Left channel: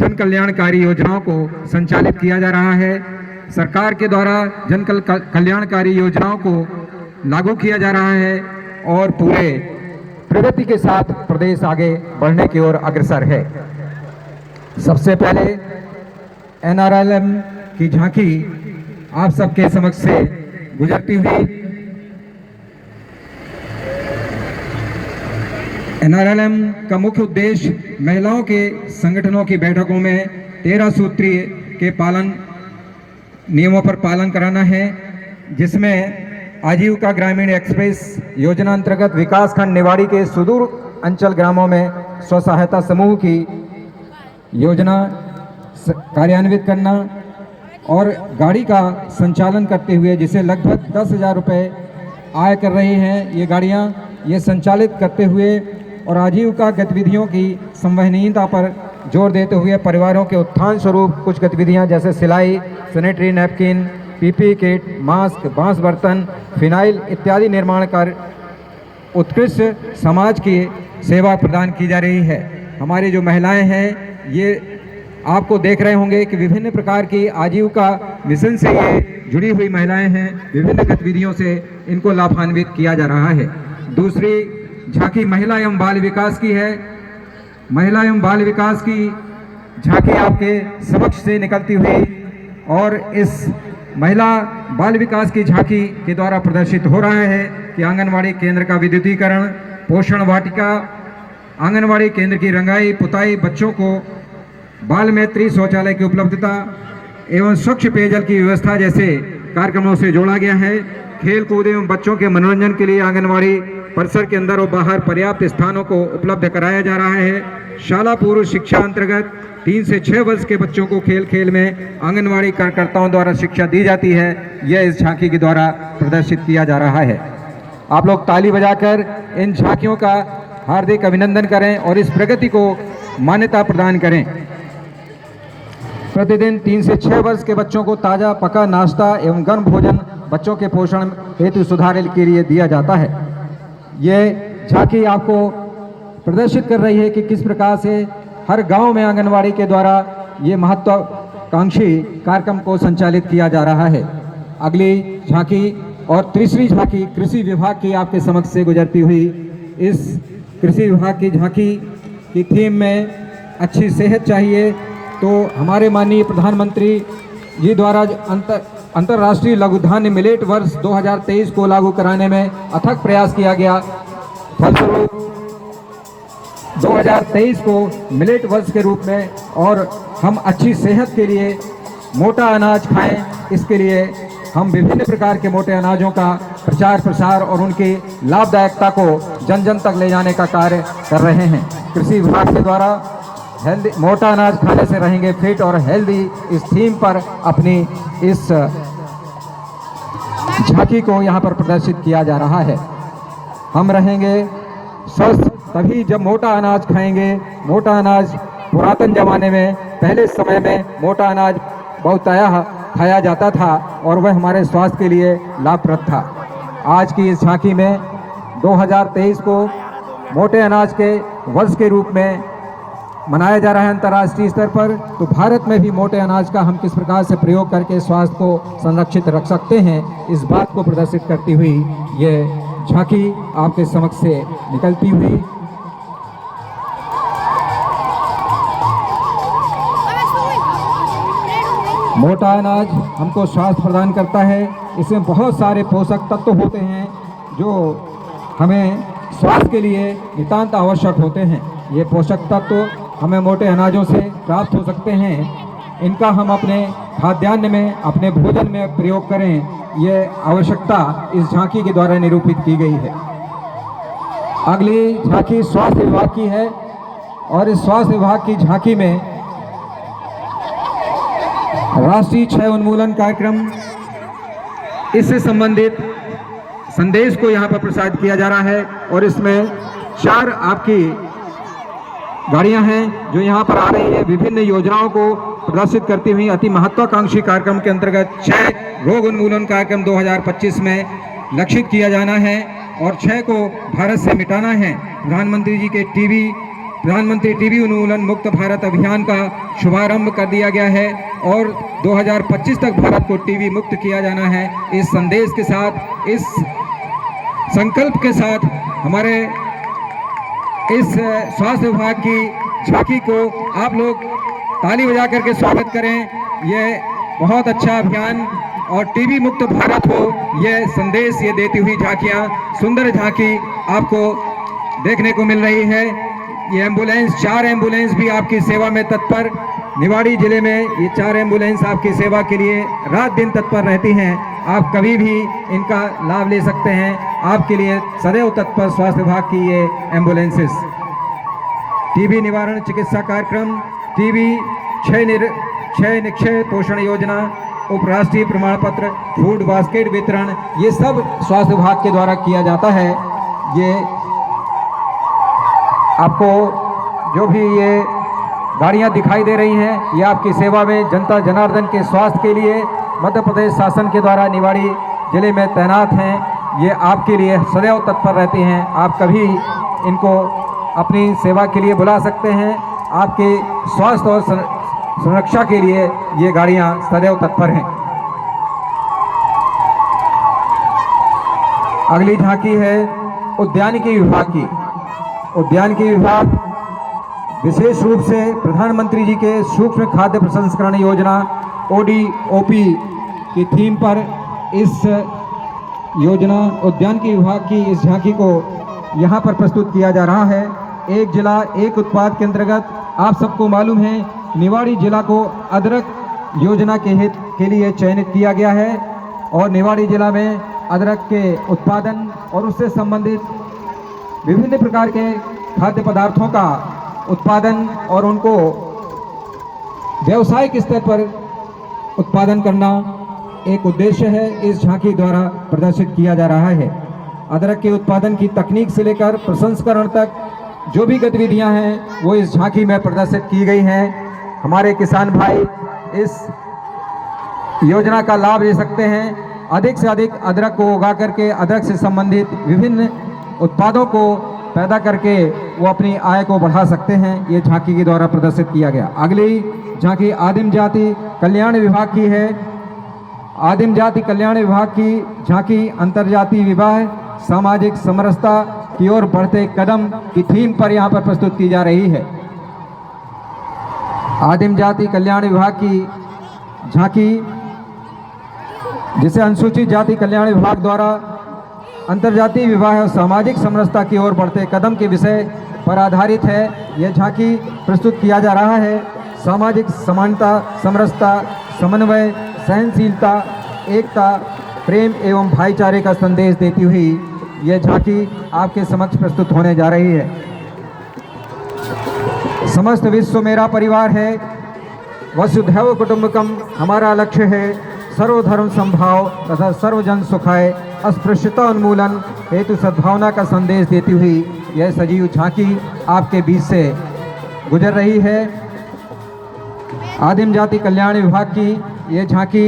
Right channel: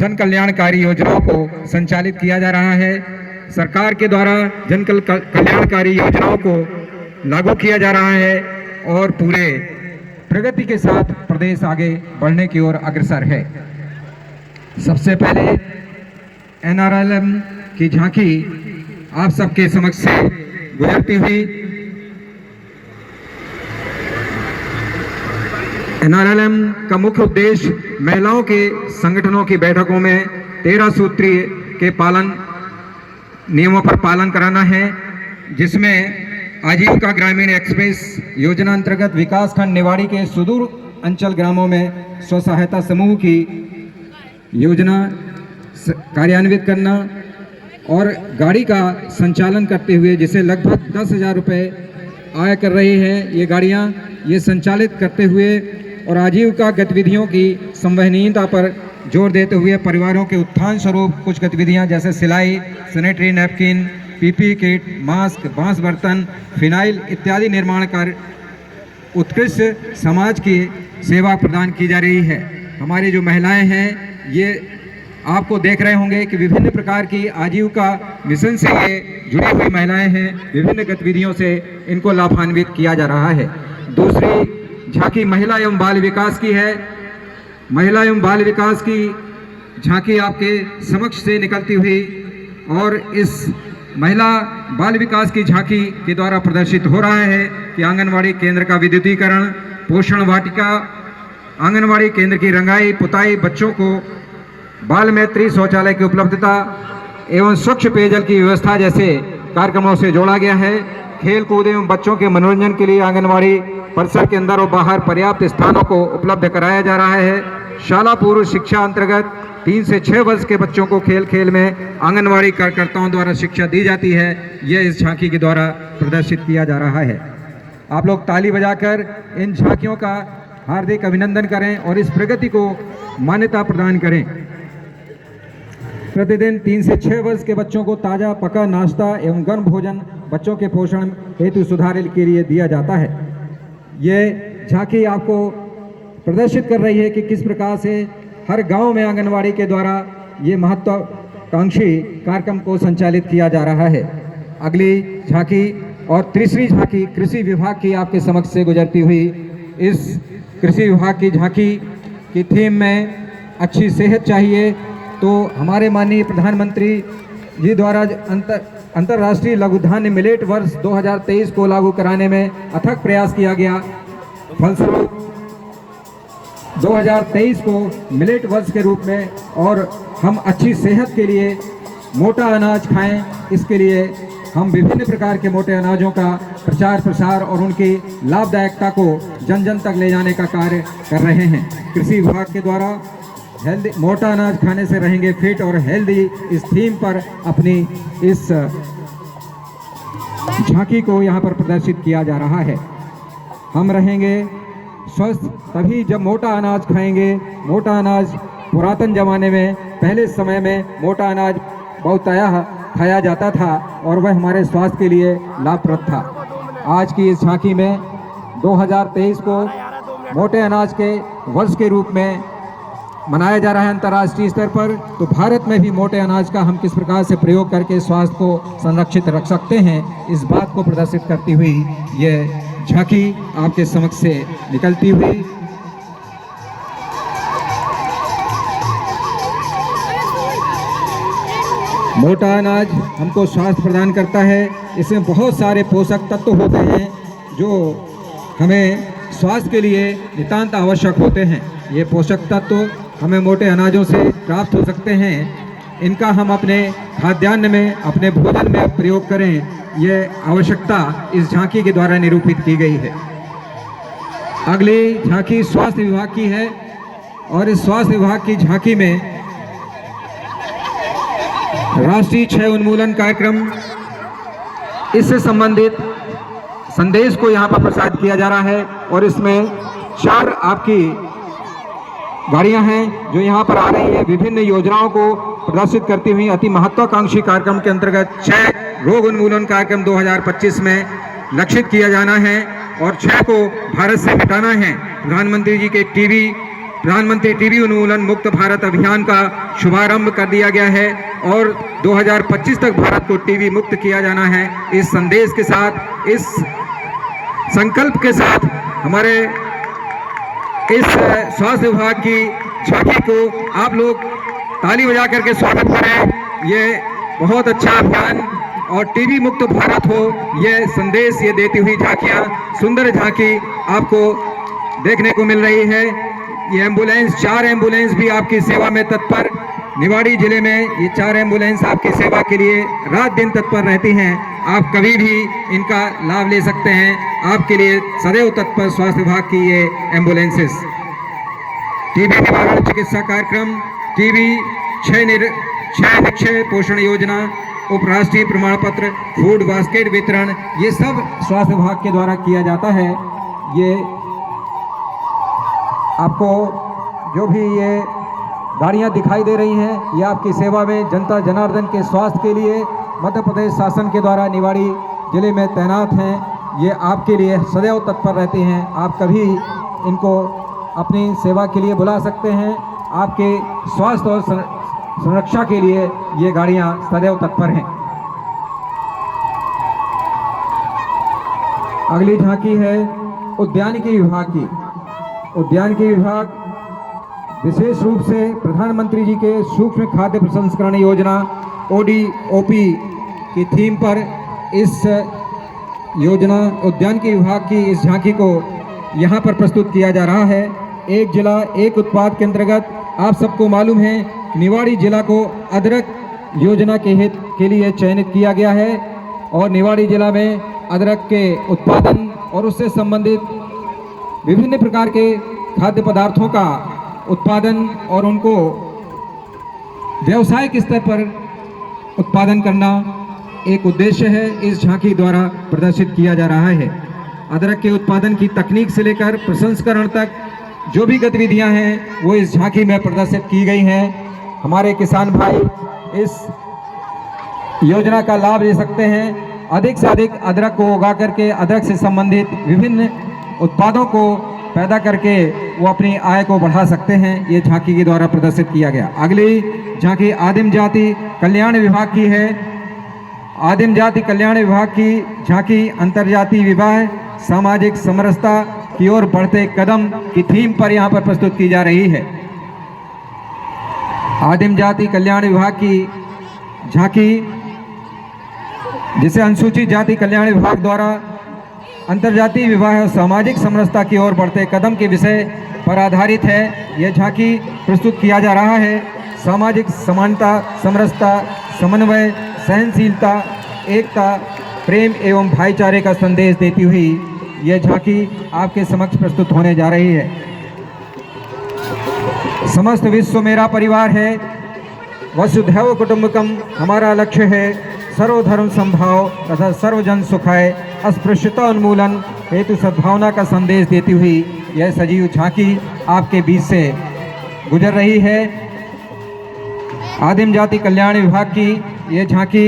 जन कल्याणकारी योजनाओं को संचालित किया जा रहा है। सरकार के द्वारा जन कल्याणकारी योजनाओं को लागू किया जा रहा है और पूरे प्रगति के साथ प्रदेश आगे बढ़ने की ओर अग्रसर है। सबसे पहले NRLM की झांकी आप सबके समक्ष से गुजरती हुई। NRLM का मुख्य उद्देश्य महिलाओं के संगठनों की बैठकों में 13 सूत्रीय के नियमों पर पालन कराना है, जिसमें आजीविका ग्रामीण एक्सप्रेस योजना अंतर्गत विकास खंड निवाड़ी के सुदूर अंचल ग्रामों में स्व सहायता समूह की योजना कार्यान्वित करना और गाड़ी का संचालन करते हुए, जिसे लगभग 10,000 रुपये आय कर रही हैं ये गाड़ियाँ, ये संचालित करते हुए और आजीविका गतिविधियों की संवहनीयता पर जोर देते हुए परिवारों के उत्थान स्वरूप कुछ गतिविधियां जैसे सिलाई, sanitary napkin, PPE kit, mask, बांस बर्तन, फिनाइल इत्यादि निर्माण कर उत्कृष्ट समाज की सेवा प्रदान की जा रही है। हमारी जो महिलाएं हैं ये आपको देख रहे होंगे कि विभिन्न प्रकार की आजीविका मिशन से ये जुड़ी हुई महिलाएं हैं। विभिन्न गतिविधियों से इनको लाभान्वित किया जा रहा है। दूसरी झांकी महिला एवं बाल विकास की है। महिला एवं बाल विकास की झांकी आपके समक्ष से निकलती हुई और इस महिला बाल विकास की झांकी के द्वारा प्रदर्शित हो रहा है कि आंगनवाड़ी केंद्र का विद्युतीकरण, पोषण वाटिका, आंगनवाड़ी केंद्र की रंगाई पुताई, बच्चों को बाल मैत्री शौचालय की उपलब्धता एवं स्वच्छ पेयजल की व्यवस्था जैसे कार्यक्रमों से जोड़ा गया है। खेल कूद एवं बच्चों के मनोरंजन के लिए आंगनवाड़ी परिसर के अंदर और बाहर पर्याप्त स्थानों को उपलब्ध कराया जा रहा है। शाला पूर्व शिक्षा अंतर्गत 3 से 6 वर्ष के बच्चों को खेल खेल में आंगनवाड़ी कार्यकर्ताओं द्वारा शिक्षा दी जाती है। यह इस झांकी के द्वारा प्रदर्शित किया जा रहा है। आप लोग ताली बजाकर इन झांकियों का हार्दिक अभिनंदन करें और इस प्रगति को मान्यता प्रदान करें। प्रतिदिन 3 से 6 वर्ष के बच्चों को ताज़ा पका नाश्ता एवं गर्म भोजन बच्चों के पोषण हेतु सुधार के लिए दिया जाता है। ये झांकी आपको प्रदर्शित कर रही है कि किस प्रकार से हर गांव में आंगनवाड़ी के द्वारा ये महत्वाकांक्षी कार्यक्रम को संचालित किया जा रहा है। अगली झांकी और तीसरी झांकी कृषि विभाग की आपके समक्ष से गुजरती हुई। इस कृषि विभाग की झांकी की थीम में अच्छी सेहत चाहिए, तो हमारे माननीय प्रधानमंत्री जी द्वारा अंतर्राष्ट्रीय लघु धान्य मिलेट वर्ष 2023 को लागू कराने में अथक प्रयास किया गया। फलस्वरूप 2023 को मिलेट वर्ष के रूप में और हम अच्छी सेहत के लिए मोटा अनाज खाएं, इसके लिए हम विभिन्न प्रकार के मोटे अनाजों का प्रचार प्रसार और उनकी लाभदायकता को जन जन तक ले जाने का कार्य कर रहे हैं। कृषि विभाग के द्वारा हेल्दी मोटा अनाज खाने से रहेंगे फिट और हेल्दी, इस थीम पर अपनी इस झांकी को यहाँ पर प्रदर्शित किया जा रहा है। हम रहेंगे स्वस्थ तभी जब मोटा अनाज खाएंगे। मोटा अनाज पुरातन जमाने में पहले समय में मोटा अनाज बहुतायत खाया जाता था और वह हमारे स्वास्थ्य के लिए लाभप्रद था। आज की इस झांकी में 2023 को मोटे अनाज के वर्ष के रूप में मनाया जा रहा है अंतर्राष्ट्रीय स्तर पर। तो भारत में भी मोटे अनाज का हम किस प्रकार से प्रयोग करके स्वास्थ्य को संरक्षित रख सकते हैं, इस बात को प्रदर्शित करती हुई ये झांकी आपके समक्ष से निकलती हुई। मोटा अनाज हमको स्वास्थ्य प्रदान करता है। इसमें बहुत सारे पोषक तत्व होते हैं जो हमें स्वास्थ्य के लिए नितांत आवश्यक होते हैं। ये पोषक तत्व हमें मोटे अनाजों से प्राप्त हो सकते हैं। इनका हम अपने खाद्यान्न में, अपने भोजन में प्रयोग करें, ये आवश्यकता इस झांकी के द्वारा निरूपित की गई है। अगली झांकी स्वास्थ्य विभाग की है और इस स्वास्थ्य विभाग की झांकी में राष्ट्रीय क्षय उन्मूलन कार्यक्रम, इससे संबंधित संदेश को यहाँ पर प्रसारित किया जा रहा है और इसमें 4 आपकी गाड़ियां हैं जो यहाँ पर आ रही है। विभिन्न योजनाओं को प्रदर्शित करती हुई अति महत्वाकांक्षी कार्यक्रम के अंतर्गत क्षय रोग उन्मूलन कार्यक्रम 2025 में लक्षित किया जाना है और क्षय को भारत से मिटाना है। प्रधानमंत्री जी के टीबी प्रधानमंत्री टीबी उन्मूलन मुक्त भारत अभियान का शुभारंभ कर दिया गया है और 2025 तक भारत को टीबी मुक्त किया जाना है। इस संदेश के साथ, इस संकल्प के साथ हमारे इस स्वास्थ्य विभाग की झांकी को आप लोग ताली बजा करके स्वागत करें। ये बहुत अच्छा अभियान और टीबी मुक्त भारत हो, ये संदेश ये देती हुई झांकियाँ, सुंदर झांकी आपको देखने को मिल रही है। ये एम्बुलेंस, 4 एम्बुलेंस भी आपकी सेवा में तत्पर, निवाड़ी जिले में ये 4 एम्बुलेंस आपकी सेवा के लिए रात दिन तत्पर रहती हैं। आप कभी भी इनका लाभ ले सकते हैं। आपके लिए सदैव तत्पर स्वास्थ्य विभाग की ये एम्बुलेंसेस। टीबी निवारण चिकित्सा कार्यक्रम, टीबी क्षय निक्षय पोषण योजना, उपराष्ट्रीय प्रमाण पत्र, फूड बास्केट वितरण, ये सब स्वास्थ्य विभाग के द्वारा किया जाता है। ये आपको जो भी ये गाड़ियां दिखाई दे रही हैं, ये आपकी सेवा में जनता जनार्दन के स्वास्थ्य के लिए मध्य प्रदेश शासन के द्वारा निवाड़ी जिले में तैनात हैं। ये आपके लिए सदैव तत्पर रहते हैं। आप कभी इनको अपनी सेवा के लिए बुला सकते हैं। आपके स्वास्थ्य और सुरक्षा के लिए ये गाड़ियां सदैव तत्पर हैं। अगली झांकी है उद्यानिकी विभाग की। उद्यानिकी विभाग विशेष रूप से प्रधानमंत्री जी के सूक्ष्म खाद्य प्रसंस्करण योजना ODOP की थीम पर इस योजना उद्यानिकी विभाग की इस झांकी को यहाँ पर प्रस्तुत किया जा रहा है। एक जिला एक उत्पाद के अंतर्गत आप सबको मालूम है निवाड़ी जिला को अदरक योजना के हित के लिए चयनित किया गया है और निवाड़ी जिला में अदरक के उत्पादन और उससे संबंधित विभिन्न प्रकार के खाद्य पदार्थों का उत्पादन और उनको व्यावसायिक स्तर पर उत्पादन करना एक उद्देश्य है। इस झांकी द्वारा प्रदर्शित किया जा रहा है। अदरक के उत्पादन की तकनीक से लेकर प्रसंस्करण तक जो भी गतिविधियां हैं वो इस झांकी में प्रदर्शित की गई हैं। हमारे किसान भाई इस योजना का लाभ ले सकते हैं। अधिक से अधिक अदरक को उगा करके अदरक से संबंधित विभिन्न उत्पादों को पैदा करके वो अपनी आय को बढ़ा सकते हैं। ये झांकी के द्वारा प्रदर्शित किया गया। अगली झांकी आदिम जाति कल्याण विभाग की है। आदिम जाति कल्याण विभाग की झांकी अंतर्जातीय विवाह सामाजिक समरसता की ओर बढ़ते कदम की थीम पर यहाँ पर प्रस्तुत की जा रही है। आदिम जाति कल्याण विभाग की झांकी जिसे अनुसूचित जाति कल्याण विभाग द्वारा अंतर्जातीय विवाह और सामाजिक समरसता की ओर बढ़ते कदम के विषय पर आधारित है। यह झांकी प्रस्तुत किया जा रहा है। सामाजिक समानता, समरसता, समन्वय, सहनशीलता, एकता, प्रेम एवं भाईचारे का संदेश देती हुई यह झांकी आपके समक्ष प्रस्तुत होने जा रही है। समस्त विश्व मेरा परिवार है, वसुधैव कुटुंबकम हमारा लक्ष्य है, सर्वधर्म संभाव तथा सर्वजन सुखाय अस्पृश्यता उन्मूलन हेतु सद्भावना का संदेश देती हुई यह सजीव झांकी आपके बीच से गुजर रही है। आदिम जाति कल्याण विभाग की यह झांकी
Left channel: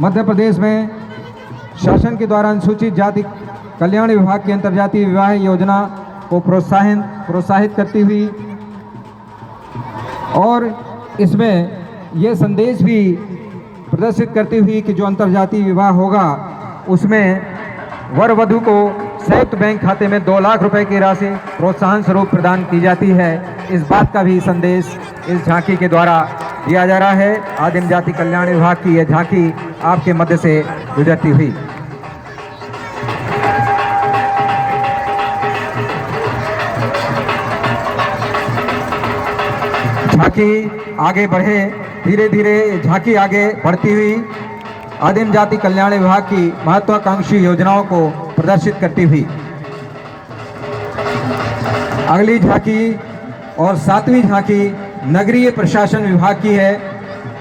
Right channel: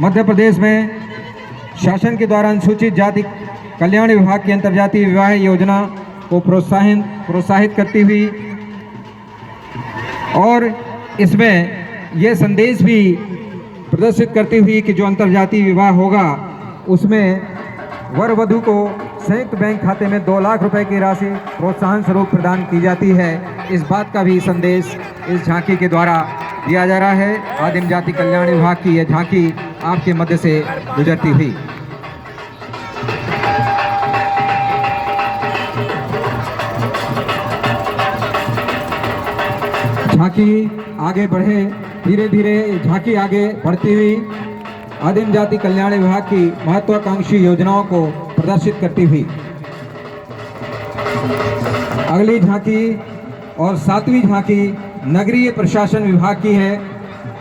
मध्य प्रदेश में शासन के द्वारा अनुसूचित जाति कल्याण विभाग की अंतर्जातीय विवाह योजना को प्रोत्साहित करती हुई और इसमें यह संदेश भी प्रदर्शित करती हुई कि जो अंतर्जातीय विवाह होगा उसमें वर वधू को संयुक्त बैंक खाते में 2 लाख रुपए की राशि प्रोत्साहन स्वरूप प्रदान की जाती है। इस बात का भी संदेश इस झांकी के द्वारा दिया जा रहा है। आदिम जाति कल्याण विभाग की यह झांकी आपके मध्य से गुजरती हुई। झांकी आगे बढ़े, धीरे धीरे झांकी आगे बढ़ती हुई आदिम जाति कल्याण विभाग की महत्वाकांक्षी योजनाओं को प्रदर्शित करती हुई। अगली झांकी और 7वीं झांकी नगरीय प्रशासन विभाग की है।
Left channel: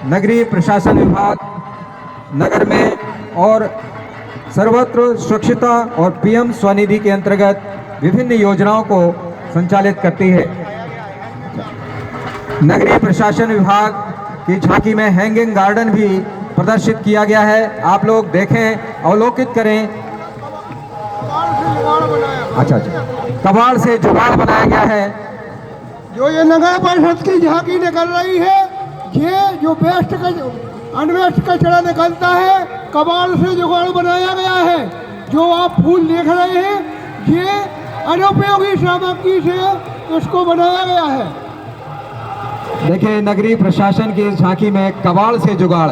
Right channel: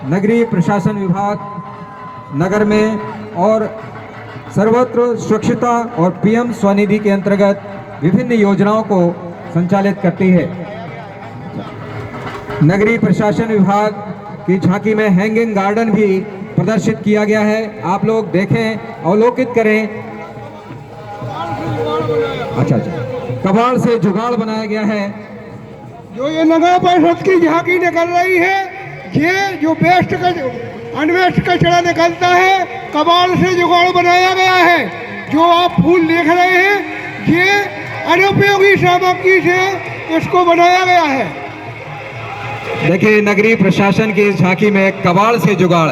नगरीय प्रशासन विभाग नगर में और सर्वत्र स्वच्छता और PM स्वनिधि के अंतर्गत विभिन्न योजनाओं को संचालित करती है। नगरीय प्रशासन विभाग की झांकी में हैंगिंग गार्डन भी प्रदर्शित किया गया है। आप लोग देखें, अवलोकित करें। अच्छा, कबाड़ से जुगाड़ बनाया गया है। जो ये नगर परिषद की झांकी निकल रही है, ये जो वेस्ट का अनवेस्ट कचरा निकलता है, कबाड़ से जुगाड़ बनाया गया है। जो आप फूल देख रहे हैं, ये अनुपयोगी सामग्री से इसको बनाया गया है। देखिए, नगरीय प्रशासन की इस झांकी में कबाड़ से जुगाड़,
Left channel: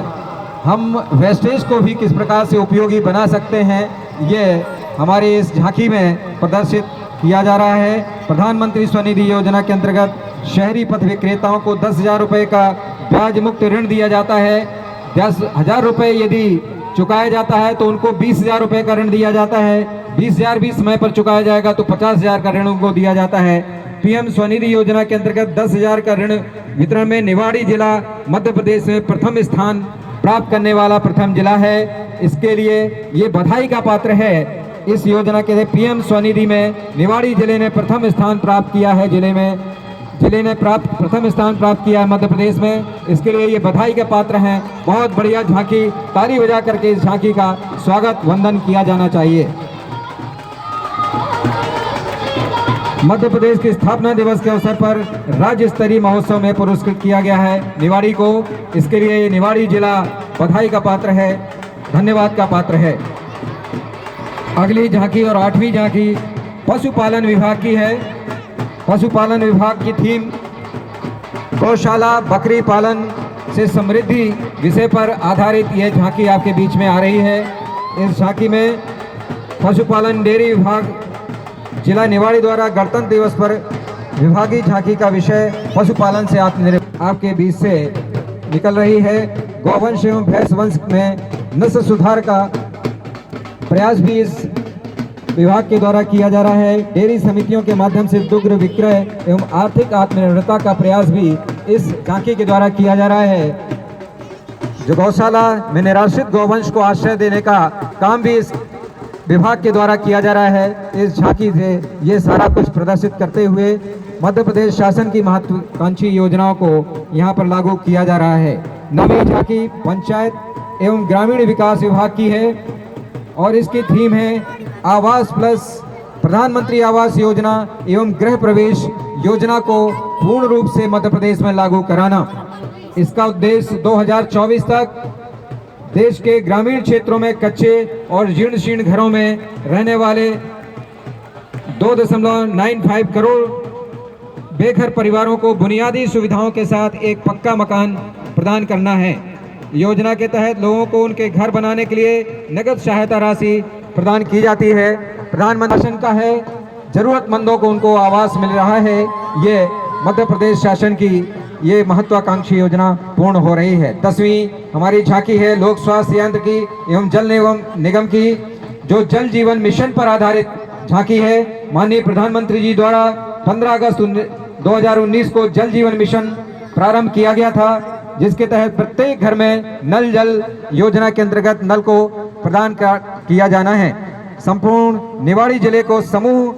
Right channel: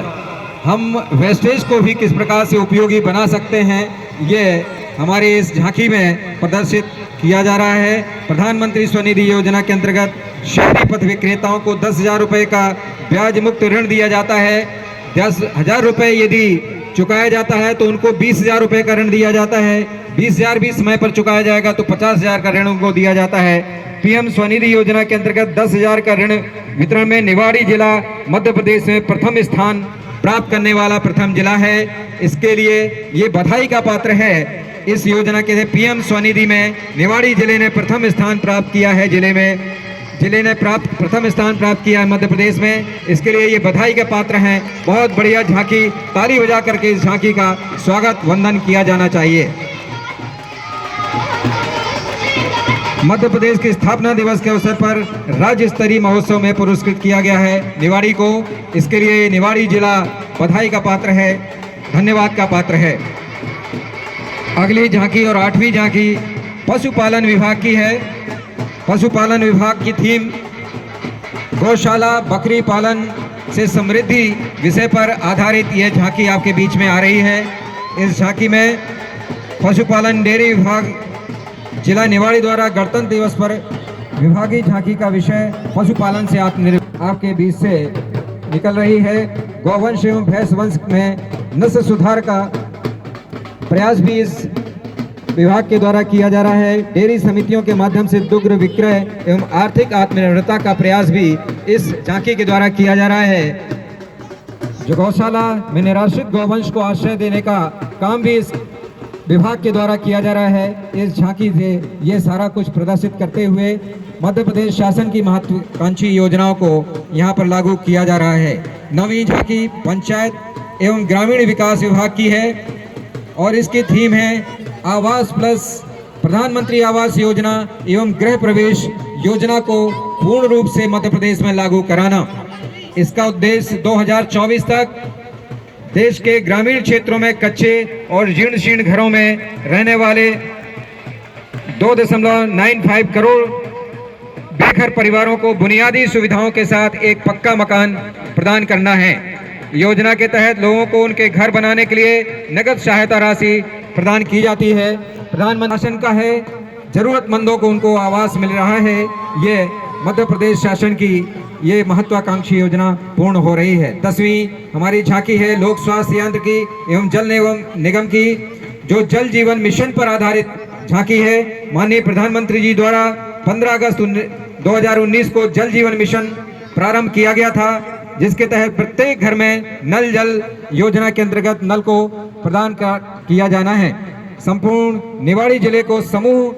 हम वेस्टेज को भी किस प्रकार से उपयोगी बना सकते हैं, ये हमारे इस झांकी में प्रदर्शित किया जा रहा है। प्रधानमंत्री स्वनिधि योजना के अंतर्गत शहरी पथ विक्रेताओं को 10,000 रुपये का ब्याज मुक्त ऋण दिया जाता है। 10,000 रुपये यदि चुकाया जाता है तो उनको 20,000 रुपये का ऋण दिया जाता है। 20,000 भी समय पर चुकाया जाएगा तो 50,000 का ऋण उनको दिया जाता है। पीएम स्वनिधि योजना के अंतर्गत 10,000 का ऋण वितरण में निवाड़ी जिला मध्य प्रदेश में प्रथम स्थान प्राप्त करने वाला प्रथम जिला है। इसके लिए ये बधाई का पात्र है। इस योजना के तहत पीएम स्वनिधि में निवाड़ी जिले ने प्रथम स्थान प्राप्त किया है। जिले ने प्रथम स्थान प्राप्त किया है मध्य प्रदेश में। इसके लिए ये बधाई के पात्र हैं। बहुत बढ़िया झांकी, ताली बजा करके इस झांकी का स्वागत वंदन किया जाना चाहिए। मध्य प्रदेश के स्थापना दिवस के अवसर पर राज्य स्तरीय महोत्सव में पुरस्कृत किया गया है निवाड़ी को। इसके लिए निवाड़ी जिला बधाई का पात्र है, धन्यवाद का पात्र है। अगली झांकी और 8वीं झांकी पशुपालन विभाग की है। पशुपालन विभाग की थीम गौशाला बकरी पालन से समृद्धि विषय पर आधारित यह झांकी आपके बीच में आ रही है। इस झांकी में पशुपालन डेयरी विभाग जिला निवाड़ी द्वारा गणतंत्र दिवस पर विभागीय झांकी का विषय पशुपालन से आत्मनिर्भर आपके बीच से निकल रही है। गौवंश एवं भैंस वंश में नस्ल सुधार का प्रयास भी इस विभाग के द्वारा किया जा रहा है। डेयरी समितियों के माध्यम से दुग्ध विक्रय एवं आर्थिक आत्मनिर्भरता का प्रयास भी इस झांकी के द्वारा किया जा रहा है। जो गौशाला में निराश्रित गौवंश को आश्रय देने का काम भी इस विभाग के द्वारा किया जा रहा है। इस झांकी से ये सारा कुछ प्रदर्शित करते हुए मध्य प्रदेश शासन की महत्वाकांक्षी योजनाओं को यहाँ पर लागू किया जा रहा है। नवी झांकी पंचायत एवं ग्रामीण विकास विभाग की है और इसकी थीम है आवास प्लस प्रधानमंत्री आवास योजना एवं गृह प्रवेश योजना को पूर्ण रूप से मध्य प्रदेश में लागू कराना। इसका उद्देश्य 2024 तक देश के ग्रामीण क्षेत्रों में कच्चे और जीर्ण शीर्ण घरों में रहने वाले 2.95 करोड़ बेघर परिवारों को बुनियादी सुविधाओं के साथ एक पक्का मकान प्रदान करना है। योजना के तहत लोगों को उनके घर बनाने के लिए नगद सहायता राशि प्रदान की जाती है। प्रधानमंत्री शासन का है, जरूरतमंदों को उनको आवास मिल रहा है। ये मध्य प्रदेश शासन की ये महत्वाकांक्षी योजना पूर्ण हो रही है। 10वीं हमारी झांकी है लोक स्वास्थ्य यंत्र की एवं जल निगम की, जो जल जीवन मिशन पर आधारित झांकी है। माननीय प्रधानमंत्री जी द्वारा 15 अगस्त 2019 को जल जीवन मिशन प्रारंभ किया गया था, जिसके तहत प्रत्येक घर में नल जल योजना के अंतर्गत नल को प्रदान किया जाना है। संपूर्ण निवाड़ी जिले को समूह